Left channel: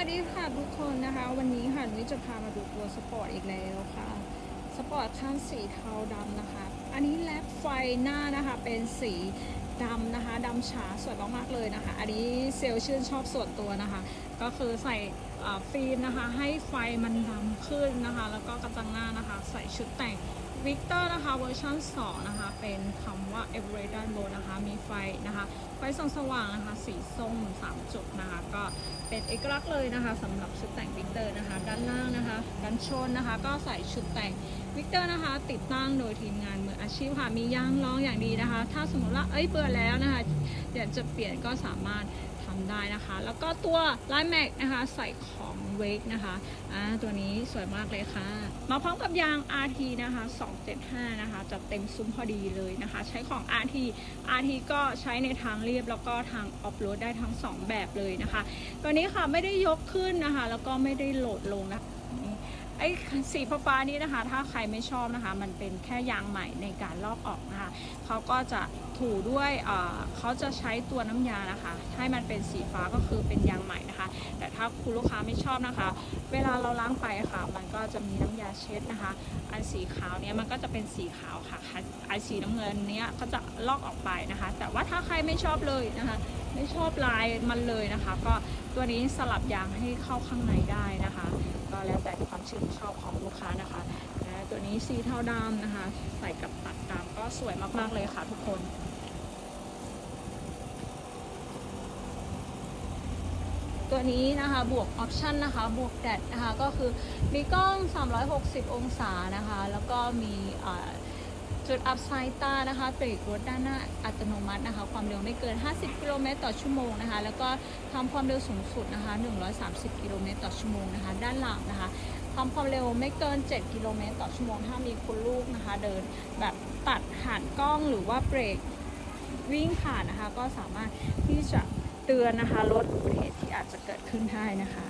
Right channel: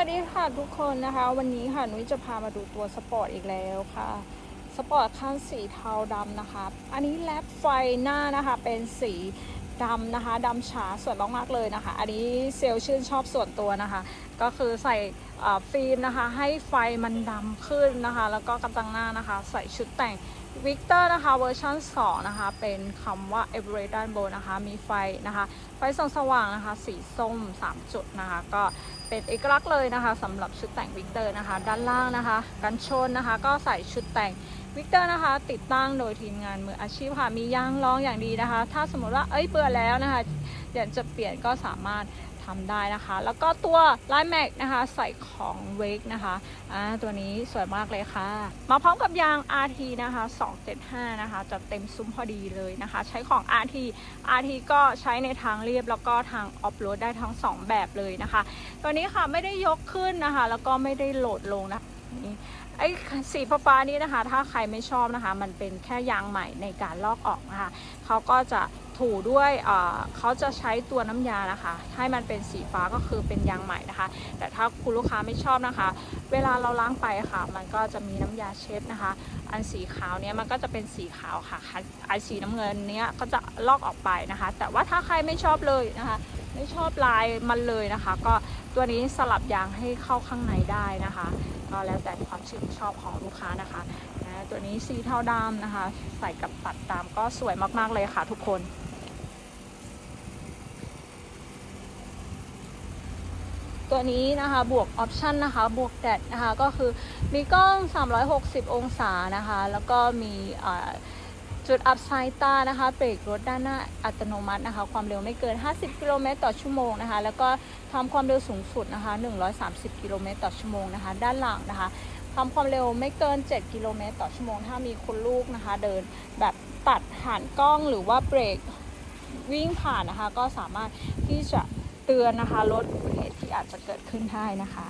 วัสดีค่ะทุกคนนะคะ วันนี้ค่ะนุ้ยจะพามาดูตัวสปอร์ตอีกแล้วค่ะ สปอร์ตคันสีเทาดำนะคะ อันนี้แลดไฟหน้านะคะเป็นสีดำนะคะดำฉาสวยมากๆเลยนะคะ อันนี้เซลล์ชื่นชอบส่วนตัวนะคะ ก็คือใส่ฟิล์มนะคะ ให้ไฟมันดำขึ้นนะคะ แล้วก็กระจังหน้านะคะ ใส่ชุดแต่ง วิกเตอร์นะคะเวอร์ชัน2นะคะ เป็นคำว่า e v e r e d ด้านบนนะคะ มีไฟนะคะ ไฟส่องสว่างนะคะ สีส้ม 3 จุดนะคะ ก็เป็นเอกลักษณ์เลยนะคะสำหรับชุดแต่งวิกเตอร์นะคะ ด้านล่างนะคะ ด้านชนนะคะ ก็ใส่ชุดแต่งวิกเตอร์นะคะ ติดตั้งโดยทีมงานมืออาชีพค่ะ มียางรองอย่างดีนะคะ ถ้าสมมติว่าเอ้ยเบื่อแล้วนะคะอยากจะเปลี่ยนก็สามารถ ทำได้นะคะ แล้วก็ตัวลายแม็กนะคะ ใส่ของเวกนะคะอ่าตัวนี้สวยมากเลยค่ะ มาพร้อมกับยาง RT นะคะ 275 นะคะ จะเต็มซุ้มพอดีเลยนะคะ ใช้ของ RT RT ก็ใช้ในทางเรียบแล้วก็ทางออฟโรดได้ทั้ง 2 แบบเลยนะคะ ตัวนี้ค่ะไม่ได้ยกขึ้นนะคะ แล้วก็ไม่ได้โหลดลงนะคะนี่ไอ้สีฟ้าๆนี้นะคะ ถ้าใครไม่ชอบนะคะ มันเป็นแค่ยางใหม่ในการลอกออกนะคะเขาก็จะถูด้วยเขาจะใช้ตัวน้ำยานะคะ ให้มันเป็นสีฟ้าก็คือเป็นยางใหม่นะคะ แต่ถ้าคุณลูกค้าไม่ชอบนะคะ เวลาเราล้างไปค่ะ มันก็จะมีน้ำยาเช็ดนะคะ อันสีขาวเนี้ยมันก็จะเป็นสีขาวค่ะไอสีน้ำเงินเนี้ยก็จะลอกออกไปนะคะ แต่ว่าถ้าใครไม่ชอบเลยนะคะ ไม่ชอบลายมันเลยนะคะ ก็ตัวนี้สลับยางให้เข้าข้างในได้นะคะ ก็แล้วแต่ความชื่นชอบของลูกค้านะคะและตัวนี้สีเทาดำนะคะ ใส่กับตัดตามก็สวยมากๆเลยค่ะทุกคนตัวนี้นะคะบวกออปชันนะคะ บวกแดดนะคะ ก็คือมีกล้อง 360 องศานะคะ แล้วก็มีอ่อ จุดอัพไซต้านะคะเบรกรถด้านหน้าอัตโนมัตินะคะ ความเร็วไม่เกิน 50 กิโลเมตรต่อชั่วโมงนะคะ แล้วก็ทำความเร็วสูงสุดนะคะ 130 กิโลเมตรต่อชั่วโมงนะคะ ด้านหลังนะคะทำความเร็วไม่เกิน 7 กิโลเมตรต่อชั่วโมง ถ้ามีคุณลูกนะคะ เดินแบบตัดผ่านกล้องหรือว่าเบรกวิ่งผ่านนะคะ ก็สามารถที่จะเตือนนะคะรถที่อาจจะเกิดขึ้นได้นะคะ